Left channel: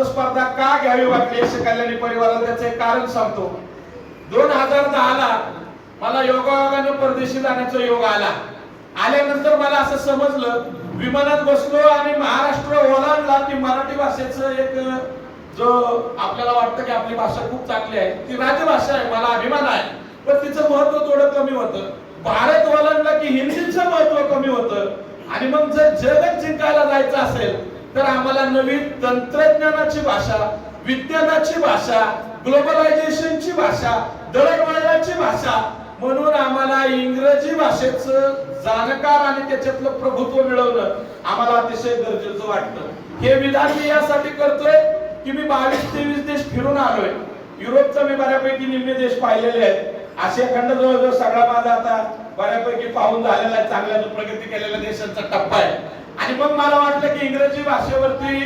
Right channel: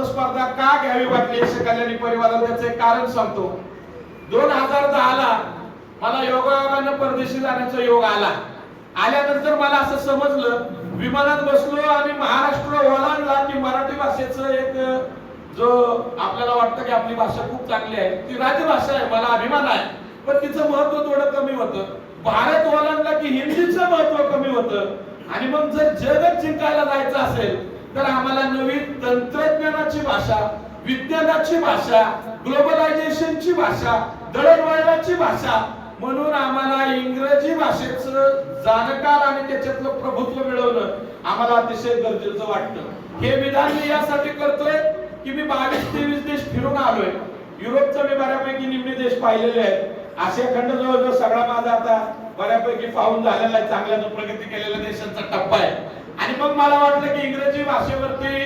वक्तृत्व स्पर्धा का घ्यावी वाटली यक्ष कल्याणी परिवाराला त्याचे कारण सांगतो. 2010 ला मला योगायोगाने परदेशी जाण्याचा योग आला. आल्यानंतर मला असं समजलं, विमानात बसलो आणि महाराष्ट्र ओलांडला की मराठी भाषेचं एक जो आपल्याला वाटतं की आपली भाषा खूप चांगली आहे, ती राजभाषा आहे, मला अभिमान आहे, पण तिचं महत्व थोडं कमी होतं. भारत ओलांडला की हिंदीचं महत्व कमी होतं. आणि मग जर जगच जिंकायला जायचं असेल तर आम्हाला नवीन तंत्रज्ञानाची भाषा, विज्ञानाची भाषा, ग्लोबलायझेशनची भाषा, दळणवळणाची भाषा, म्हणून आम्हाला इंग्रजी भाषेचं जाणकार आणि त्याच्यातलं प्रभुत्व मिळवणं आम्हाला अतिशय गरजेचं वाटतं. हे विधान मी यासाठी करतोय की मी 22-23 देश फिरून आलोय. युरोपचा मी बऱ्यापैकी निम्मे देश पाहिलेले आहेत. आशिया खंड जवळजवळ सगळा माझा आता बऱ्यापैकी पाहून झालेला आहे, चांगल्या प्रगती केलेल्या देशांचा टप्पा आहे. आणि मग मला वाटलं की इंग्रजी भाषेवरती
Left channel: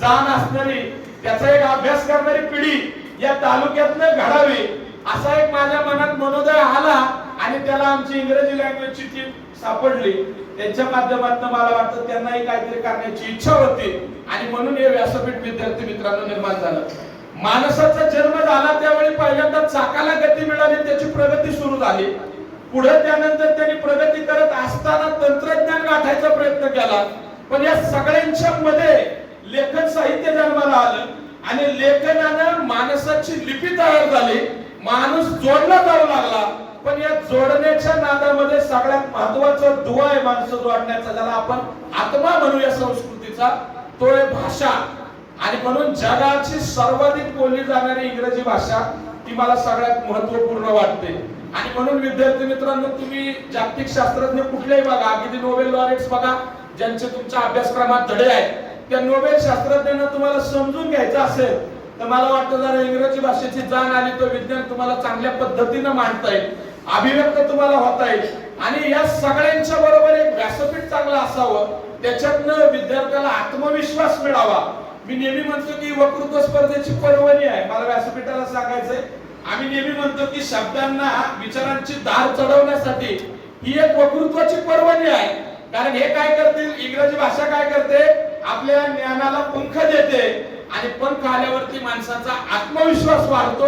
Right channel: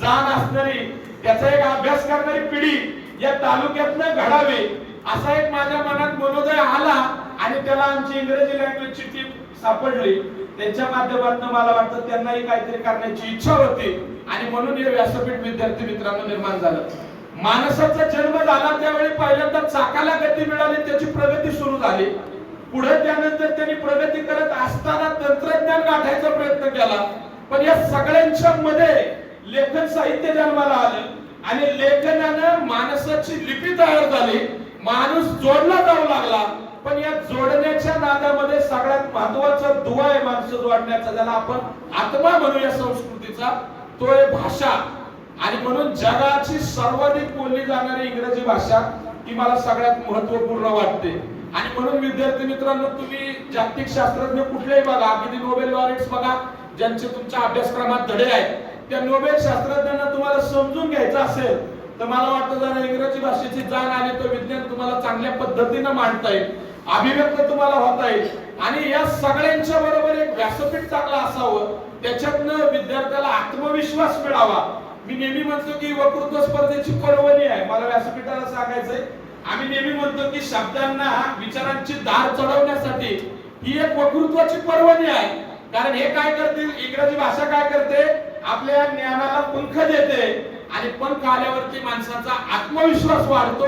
जाण असणारी, त्याचा एक अभ्यास करणारी पिढी या तालुक्यातनं घडावी, असा एक माझ्या मनात मनोदय आला. आणि त्याला आमची इंग्रजी लँग्वेजची टीम सापडली. त्यांच्या माध्यमातून मला वाटतं त्यांनाही काहीतरी करण्याची इच्छा होती आणि म्हणून हे व्यासपीठ विद्यार्थी मित्रांनो निर्माण झालं. माणसाचा जन्म झाला त्यावेळी पहिल्यांदा चाकाला गती मिळाली, त्याची प्रगती सुरू झाली. पुढे त्यानंतर त्यांनी प्रगती करत असताना तंत्रज्ञान गाठायचा प्रयत्न केला. पण या सगळ्यांच्या मध्ये लेखन साहित्य जन्माला आलं आणि लेखनानं माणसाची लिपी तयार झाली. माणूस जोडला जाऊ लागला. पण या जोडण्याच्या नादामध्ये सगळ्यात महत्वाचा दुवा आहे माणसं जोडण्याचा, ज्याला आपण आत्मा म्हणूया संस्कृतीचा, तो आहे भाषा. आणि म्हणून जगाची सर्वाधिक बोलली जाणारी इंग्रजी भाषा ती मला सगळ्यात महत्वपूर्ण वाटते. आणि म्हणून विद्यार्थी मित्रांनो, तुम्ही जागतिक शास्त्रज्ञ कुठलेही बघा, अगदी नोबेल लॉरेट्स बघा, ज्यांचे तुमच्या अभ्यासक्रमात धडे आहेत, त्या नोबेल शास्त्रज्ञांना तुम्हाला समजून घ्यायचं असेल तर मला वाटतं जरा इंग्रजी भाषेची जाण आली तर विज्ञान तुम्हाला चांगल्या पद्धतीने मांडता येईल, अभिव्यक्त तुम्हाला होता येईल. आणि या सगळ्यांच्या बरोबर एक व्यासपीठ चांगलं असावं, त्याच्यातनं विद्यार्थ्याला आत्मविश्वास मिळावा. मी नेहमी म्हणतो की वक्तृत्व स्पर्धेची पर्वणी आहे. मला व्यासपीठाला सांगायचंय, आम्ही नेहमी म्हणतो की शब्दांना, विचारांची धार चढवण्यासाठी ही एक वक्तृत्वाची पर्वणी आहे. कारण हे काय करतील, इंग्रजी भाषा काय करते, आपल्या ज्ञानाला पंख देते आणि पंख आल्यावरती माणसाचा आत्मविश्वास वाढतो.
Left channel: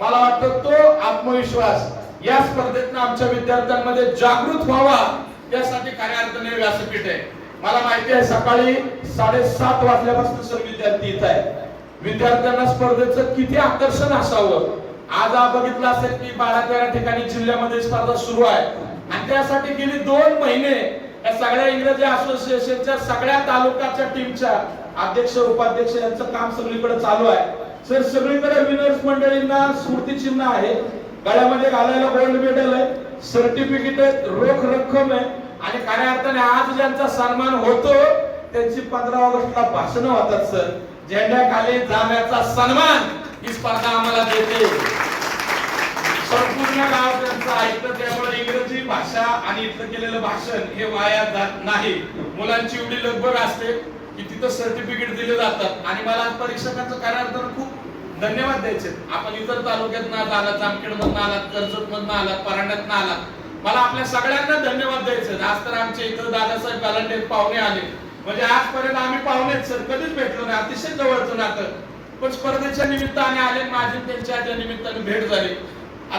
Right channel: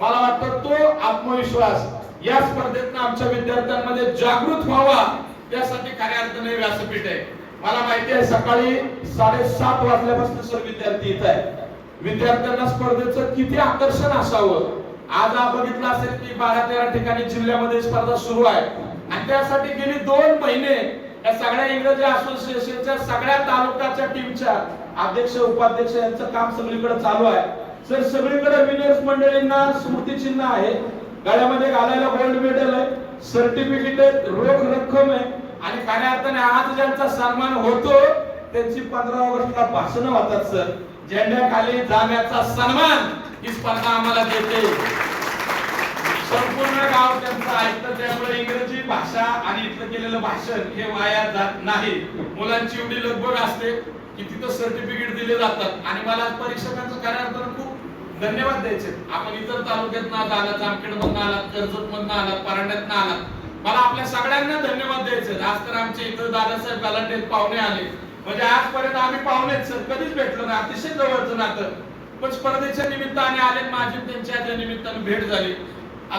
मला वाटतं तो आत्मविश्वास या स्पर्धेतनं आमच्या विद्यार्थ्यांमध्ये जागृत व्हावा, यासाठी खऱ्या अर्थाने व्यासपीठ आहे. मला माहिती आहे सकाळी 7:30 वाजल्यापासून सर्व विद्यार्थी इथे आहेत. विद्यार्थ्यांना स्पर्धेचं किती आकर्षण असावं. आज आपण बघितलं असेल की 12-13 ठिकाणी जिल्ह्यामध्ये स्पर्धा सुरू आहे आणि त्यासाठी गेली 2 महिने या सगळ्या इंग्रजी असोसिएशनच्या सगळ्या तालुक्याच्या टीमच्या अध्यक्ष उपाध्यक्ष यांचं काम सगळीकडे चालू आहे. सर सगळीकडे विनर्स मंडळींना स्मृतिचिन्ह आहे, गळ्यामध्ये घालायला गोल्ड मेडल आहे, सर्टिफिकेट आहे, रोख रक्कम आहे. आणि खऱ्या अर्थाने आज ज्यांचा सन्मान होतो त्यांची 15 ऑगस्टला भाषण होतात. सर झेंड्याखाली जाण्याचा सन्मान ही स्पर्धा आम्हाला देते. संपूर्ण गाव त्यांचं ऐकतं. त्यामुळे इंग्रजी भाषा आणि इथं केलेलं भाषण हे वाया जात नाही. मुलांची एवढी लगबग असते की तिथं सर्टिफिकेट दिले जातात. आणि मला परीक्षकांचं खऱ्या अर्थानं खूप धन्यवाद द्यायचे. आपण इतर तालुक्यात आलात, जामखेड मधून आलात, कर्जत मधून आलात, परांड्यातनं आलात, मला आपल्या सगळ्यांना धन्यवाद द्यायचे. आज तर आमच्या इथं दादासाहेब गालांडे पाहुणे आले, म्हणजे आजपर्यंत आम्ही पाहुणेच सर, कधीच भेटलो नाही, अतिशय जवळचं नातं. पण स्पर्धेच्या निमित्ताने आले, माझी त्यांच्या निमित्ताने भेट झाली.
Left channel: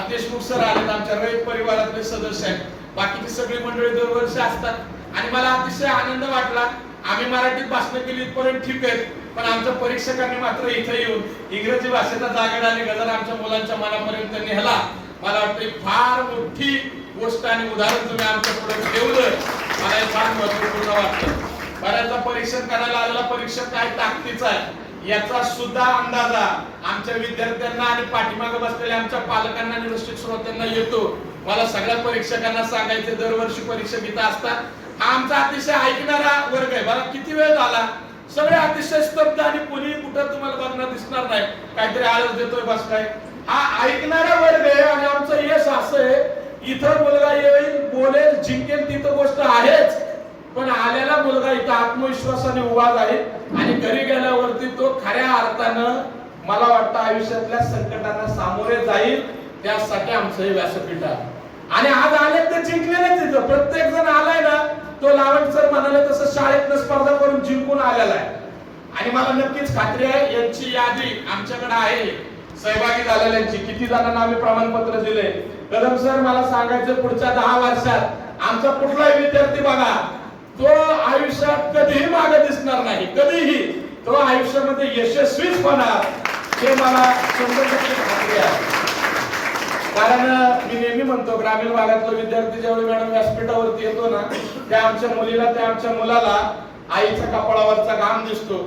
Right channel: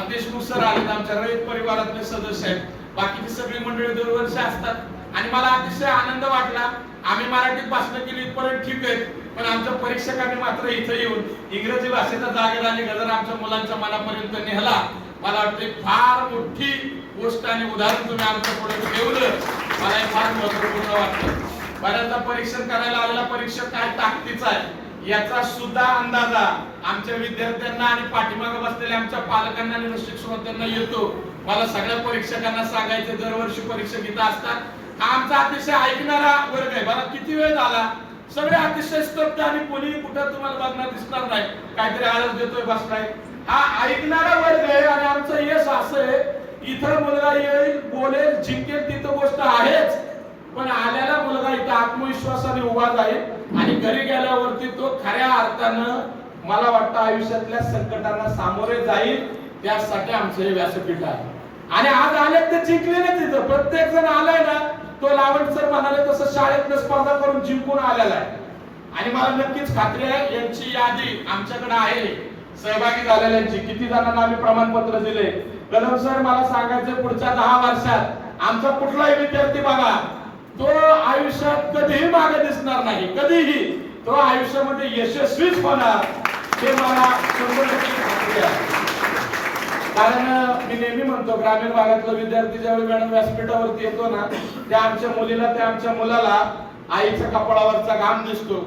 देशमुख सर आले, आमच्या रयत परिवारातले सदस्य आहेत, बाकीची सगळी मंडळी दरवर्षी असतात. आणि मला अतिशय आनंद वाटला. आम्ही मराठीत भाषण केली इथपर्यंत ठीक आहे, पण आमच्या परीक्षकांनी मात्र इथे येऊन इंग्रजी भाषेचा जागर आणि गजर आमच्या मुलांच्या मनापर्यंत नेहला. मला वाटतं फार मोठी गोष्ट आणि उदाहरण तुम्ही आमच्या पुढे ठेवलं, मला हे फार महत्वपूर्ण वाटतं. बऱ्याचदा परीक्षण करायला आलेला परीक्षक काय ताकदीचा आहे याचा सुद्धा अंदाजा आमच्या विद्यार्थ्यांना आणि पाठीमागे बसलेल्या आमच्या पालकांना आणि रसिक श्रोत्यांना येतो. मला सगळ्या परीक्षकांना सांगायचे, दरवर्षी परीक्षक इथं असतात. हा आमचा अतिशय ऐकणारा वर्ग आहे. बघा किती वेळ झाला, सगळे अतिशय स्तब्ध आणि कोणी कुठं तुम्हाला बघणार दिसणार नाही, काहीतरी आळस देतोय बसलाय. हा ऐकणारा वर्ग आहे. आणि आमचं यश असं आहे, इथं मुलगा येईल, बोलेल, जिंकेल, तिथं गोष्ट आहेच, पण आलेला मुलगा इथं आत्मविश्वासाने उभा जाईल आणि घरी गेल्यावरती तो खऱ्या अर्थानं मला वाटतं आयुष्यातल्या संकटांना सामोरे जाईल. त्यासाठी आमचं हे व्यासपीठ आहे. आणि आज आले ते जिंकलेले, तिथं प्रत्येक जण आलाय ना, तो लावण सर म्हणाले तसं शाळेतनं स्पर्धा करून जिंकून आलेला आहे. आणि मला नक्कीच खात्री आहे यांची यादी आमच्याकडे आहे सहभागी झालेल्यांची. किती जणांना आम्ही प्रमाणपत्र दिले. कदम सर, मला सांगायचं पुढच्या 10 वर्षात आमचा कुठलाही विद्यार्थी बघा तो आयुष्यात कधीही मागे दिसणार नाही, कधीही तो आयुष्यामध्ये यशस्वीच होणार हे मला 100% खात्री आहे. कारण मी नेहमी म्हणतो ग्रामीण भागातला विद्यार्थी ज्यावेळी मॅडम व्यासपीठावरती येतो ना, त्या आमच्या मुलीला त्या आमच्या मुलाला आईच्या कपाळावरचा घाम दिसतो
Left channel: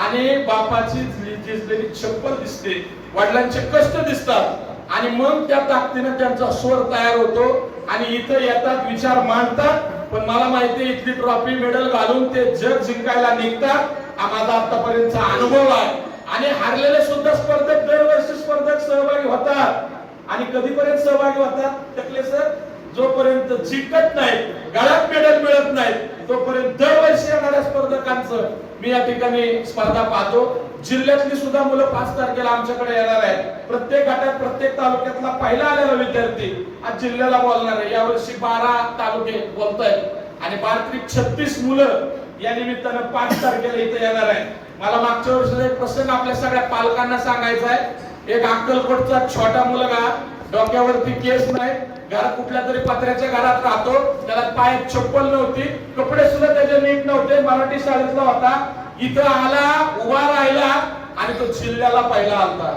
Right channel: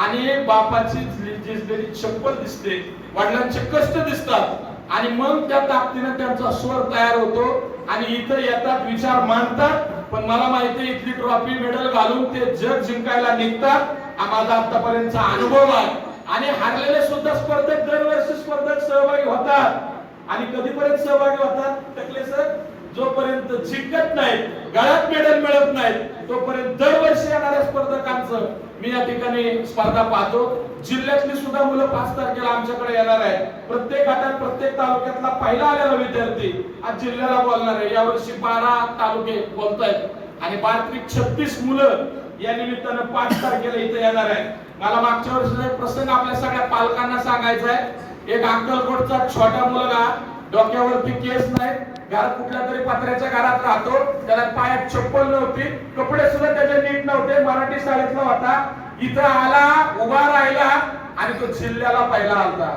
आणि बापाची झिजलेली चप्पल दिसते, वडिलांचे कष्ट दिसतात आणि मग त्या ताकदीने त्यांचा स्वर तयार होतो आणि इथं येतात, विचार मांडतात. पण मला माहिती आहे इथली ट्रॉफी मेडल घालून ते जग जिंकायला निघतात. हा माझा आतापर्यंतचा अनुभव आहे. आणि हारलेले सुद्धा स्पर्धक दरवर्षी स्पर्धक सहभागी होतात. आणि कधीपर्यंत सहभागी होतात टकले सर? जोपर्यंत जिंकत नाही, गळ्यात मेडल मिळत नाही, तोपर्यंत दरवर्षी येणाऱ्या स्पर्धकांचं मी या ठिकाणी स्पर्धा पाहतो. जिल्ह्यातली सुद्धा मुलं 5 तारखेला आमच्याकडे येणार आहे. प्रत्येक गटात प्रत्येक तालुक्यातला पहिला आलेला विद्यार्थी आज जिल्ह्याला बोलणार आहे. यावर्षी 12 तालुके बोलतायत आणि 36 मुलं या निमित्तानं 5 तारखेला इथे येणार आहे. मला मागच्या वर्षीचा एक प्रसंग आपल्या सगळ्या पालकांना सांगायचा आहे. एक अक्कलकोटचा छोटा मुलगा, डोक्यावरती केस नाही, घरात कुठल्या तरी पत्र्याच्या घरात राहतो, त्याला पायात चप्पल नव्हती, कपडे सुद्धा त्याचे नीट नव्हते, मराठी शाळेतला होता. इथं आला, उभा राहिला आणि तो जिल्ह्याला पहिला आला.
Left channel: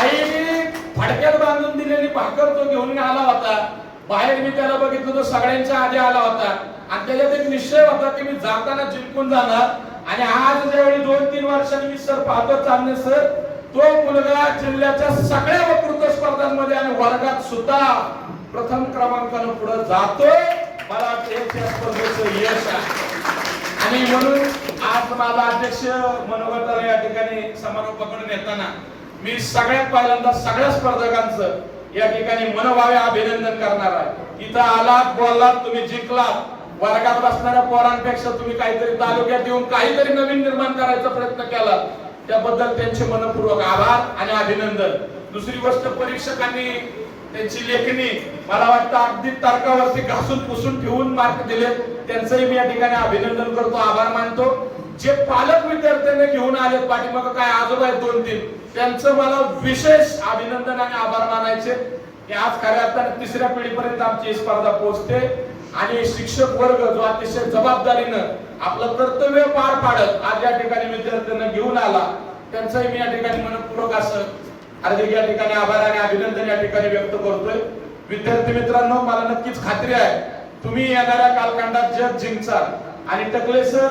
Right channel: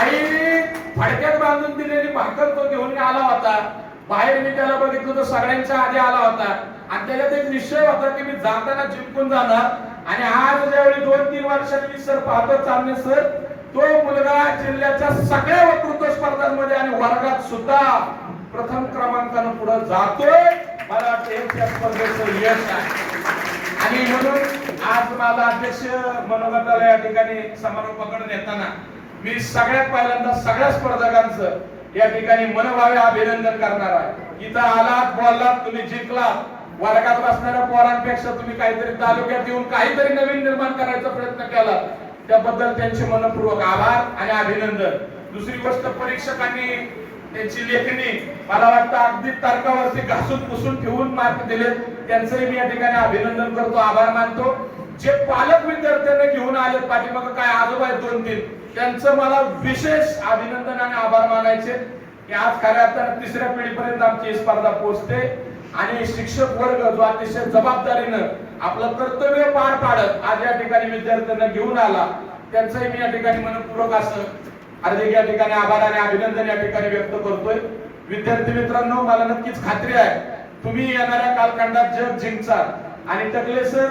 आई फडक्यात बांधून दिलेली भाकर तो घेऊन आला होता. बाहेर मी त्याला बघितलं, तो सगळ्यांच्या आधी आला होता आणि त्याच्यात एक निश्चय होता की मी जाताना जिंकून जाणार. आणि आज ज्यावेळी 2-3 वर्षांनी मी सर पाहतो चांदणे सर, तो मुलगा जिल्ह्याच्या सगळ्या वक्तृत्व स्पर्धांमध्ये आणि वर्गात सुद्धा प्रथम क्रमांकाने पुढे जातोय. मला वाटतं या स्पर्धेचं यश आहे. आणि म्हणून आज माझा अध्यक्ष मनोगताला या ठिकाणी समारोपाकडे नेताना मी सगळ्यात पहिल्यांदा सगळ्या स्पर्धकांचं या ठिकाणी मनोभावे अभिनंदन करणार आहे. इथं आलात, बोललात, तुम्ही जिंकलात. वर्गात बसणाऱ्या पोरांपेक्षा तुम्ही काहीतरी तालुक्यात येऊन काहीतरी नवीन निर्माण करायचा प्रयत्न केला, त्याबद्दल त्यांचे मनपूर्वक आभार आणि अभिनंदन. दुसरी गोष्ट, परीक्षकांनी त्यांची लेखणी मला वाटतं अगदी तर्कावरती घासून पुसून ठेवून मार्क दिले, त्यांचंही मी या ठिकाणी अभिनंदन करतो, आभार मानतो. जे पालक विद्यार्थ्यांना घेऊन आले पाठीमागं काय आजोबा आहेत 2-3, त्यांचं मला विशेष अभिनंदन आणि आभार मानायचे की आज खऱ्या अर्थाने 3ऱ्या पिढीपर्यंत आमची स्पर्धा पोहोचते. आणि शिक्षक वर्ग जो अतिशय जबाबदारीनं आपलं कर्तव्य पार पाडत आज या ठिकाणी विद्यार्थ्यांना घेऊन आला, त्यांचंही मी या ठिकाणी मनपूर्वक असं हार्दिक या ठिकाणी आभार आणि अभिनंदन या ठिकाणी व्यक्त करतोय. विद्यार्थी मित्रांनो, मला नक्कीच खात्री आहे तुम्ही येणाऱ्या कालखंडात जग जिंकचाल. आणि टकले सर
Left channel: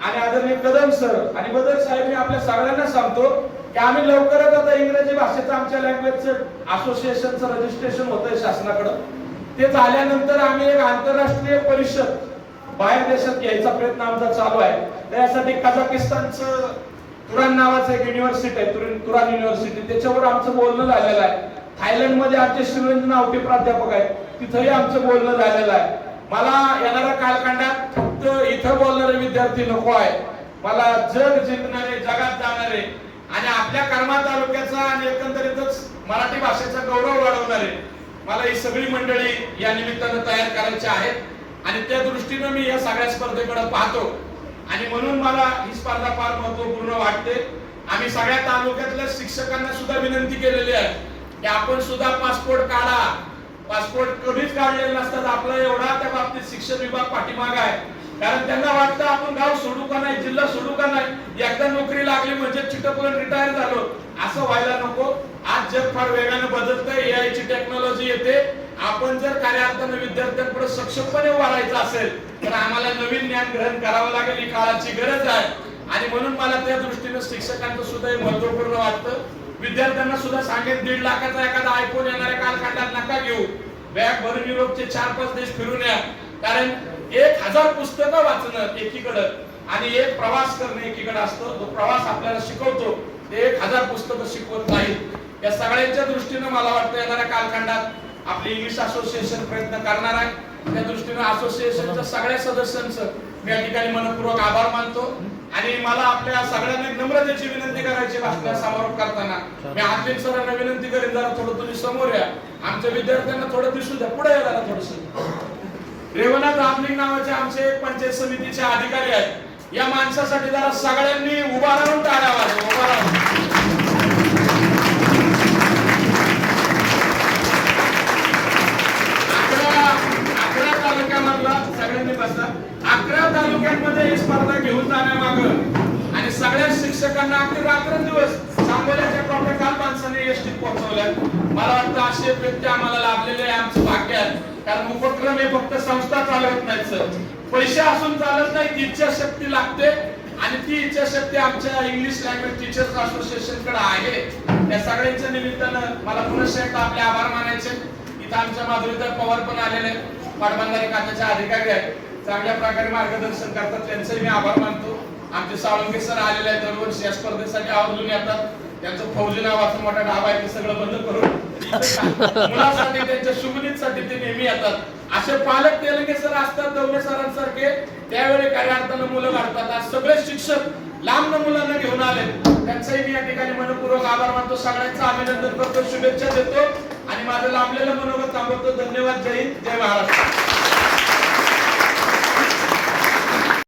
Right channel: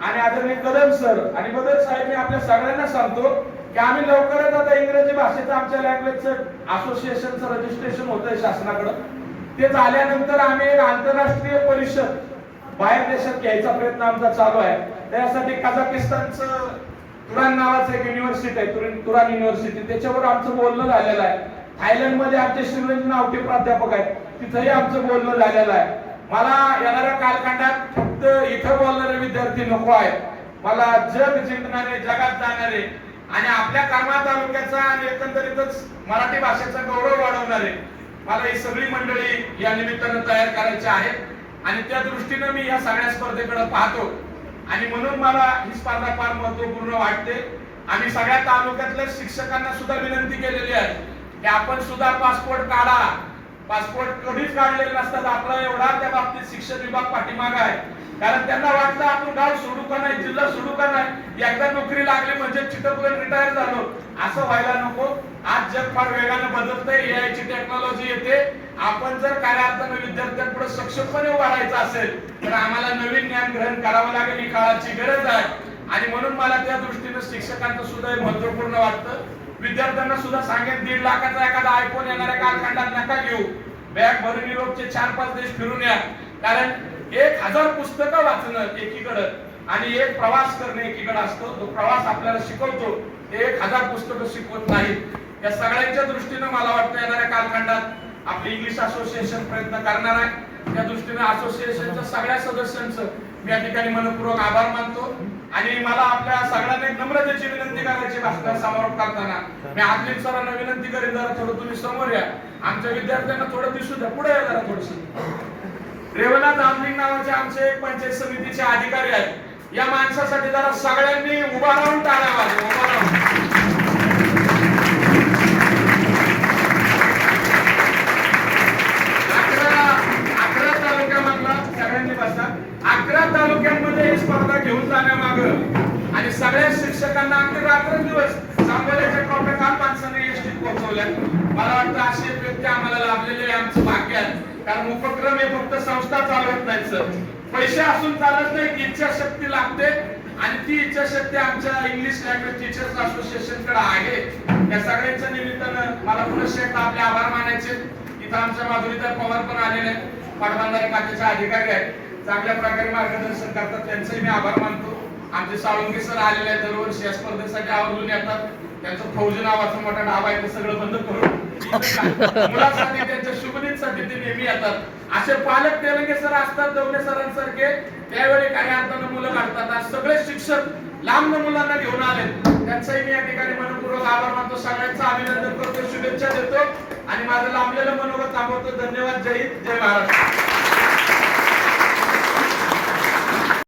आणि आदरणीय कदम सर आणि बदर साहेब, मी आपल्या सगळ्यांना सांगतो की आम्ही लवकरच आता इंग्रजी भाषेचं आमच्या लँग्वेजचं असोसिएशनचं रजिस्ट्रेशन होतंय शासनाकडे. ते झाल्यानंतर आम्ही एक आंतरराष्ट्रीय परिषद बाहेर देशात घ्यायचा प्रयत्न आमचा चालू आहे. त्यासाठी कझाकिस्तानचं तुरान नावाचं एक युनिव्हर्सिटी आहे, तुरान युनिव्हर्सिटी, त्याच्यावर आमचं बोलणं झालेलं आहे. थायलंड मध्ये आमचे शिवेंद्र नावटे प्राध्यापक आहेत, तिथंही आमचं बोलणं झालेलं आहे. मला येणाऱ्या कालखंडात फक्त इथं बोलणारे विद्यार्थी नको आहे, मला जग जिंकणारे, जगात जाणारे आणि आपल्या कर्मा तालुक्याचा आणि एकंदरीतच मराठी भाषेचा गौरव वाढवणारे मला ही सगळी मंडळी या निमित्तानं तयार करायची आहेत. आणि त्या दृष्टीनं मी या सगळ्या स्पर्धेकडे पाहतो आणि म्हणून मला ही स्पर्धा फार महत्वपूर्ण वाटते. आम्ही सगळ्या तालुक्यातल्या शिक्षकांना सुद्धा विनंती केलेली आहे की आपण सुद्धा पासपोर्ट काढा. पासपोर्ट कधीच काढलेले नसतात, आपला एवढा त्या बाबतीत शिक्षण विभाग पाठीमागा आहे. कारण त्यांना वाटतं आपण गाव सोडू का नाही, जिल्हा सोडू का नाही, एकदा नोकरी लागली म्हणजे चिटकून रिटायर झालो, असं व्हायला नको. आज जग फार वेगाने बदलतंय, एआय ची टेक्नॉलॉजी येते. आपण जर खऱ्या अर्थाने विद्यार्थ्यांपुढे सक्षमपणे उभा राहायचं असेल तर आम्हाला नवीन ज्ञान ग्रहण करावं लागेल, ही काळाची गरज आहे. आणि म्हणून मला त्या दृष्टीने शिक्षकांचं सुद्धा महत्वपूर्ण वाटतं. विद्यार्थ्यांना सुद्धा सांगेन 1.5 लाखाचा एखादा आयफोन येणाऱ्या कालखंडात नका घेऊ. बॅग भरून युरोपचे 4-5 देश फिरून या. कारण 1000 पुस्तकं वाचणं एकीकडे आणि एक प्रवास करणे एकीकडे असतो. तो प्रवास आपल्याला शिकवतो, ते 1000 पुस्तकं शिकवत नाही. या सगळ्यांच्या दृष्टीने मला वाटतं येणाऱ्या कालखंडात आपली इंग्लिश असोसिएशन प्रयत्न करणार आहे. त्या दृष्टीने असोसिएशनच्या सगळ्या सदस्यांचं मी या ठिकाणी मनपूर्वक आभार मानतो. आणि मला आपल्या सगळ्यांना एक नम्रतेची विनंती करायची भाषण समारोप करताना. मी आदिल सरांना विनंती करेन, जरा थोडं तुम्ही समोर या, आमच्या विद्यार्थ्यांना थोडं दिसू द्या, पुढे या जरा थोडंसं. रेवनाथ आमलिंग नावाचे आमचे एक पंचायत समितीचे अधिकारी आहेत. या माणसासाठी जरा सगळ्यांनी उभा राहून टाळ्या वाजवा, उभा राहून. 11 तालुक्यामधला सगळ्यांनी बसा. 11 तालुक्यांमध्ये ही स्पर्धा घेऊन जाण्यामागं आणि सगळ्या शिक्षकांना आपले रात्रंदिवस सांगोल्याच्या टॉपिक काल माणसाने एसटीत पोहोचवल्या. मला वाटतं असे व्यक्ती आम्हाला लाभलेले आहे, आमचं भाग्य आहे. कारण उपक्रम हे फक्त संस्था चालवत नाही सर, पैसे असून चालत नाही, इच्छाशक्ती लागते. आणि ती इच्छाशक्ती आमच्या इंग्लिश लँग्वेज टीचर्स असोसिएशन कडे आहे. त्या सगळ्यांच्या निमित्तानं मला पुन्हा एकदा आपले आभार मानायचे. इथं आमच्या माधुरीताई पवार पण आलेले आहेत, पाटबंधारे खात्याचे अधिकारी आहेत, चांगल्या प्रकारे मार्गदर्शन करतात, त्यांचंही मी आभार मानतो. आमचे साळुंके सर आलेले आहेत, दरवर्षी या स्पर्धेसाठी आवर्जून येतात. त्यांचं फौजी नावाचं मोठा ढाबा आहे, ते सगळं बंद करून मुलासाठी त्यांच्या शुभनीतीसाठी ते नेहमी येतात. असे पालक तेलंगे सर असतात दौले सरांसारखे, त्यावेळी खऱ्या अर्थानं मुलं वाढतात. आज सगळे शिक्षक लांब मुलांना घेऊन आले, त्यांचाही मी या ठिकाणी मनपूर्वक आभार मानतो. सगळ्यांचं अभिनंदन करतो, शुभेच्छा देतो आणि माझं लांबलेलं मनोगत थांबवतो. धन्यवाद. जय हिंद, जय महाराष्ट्र.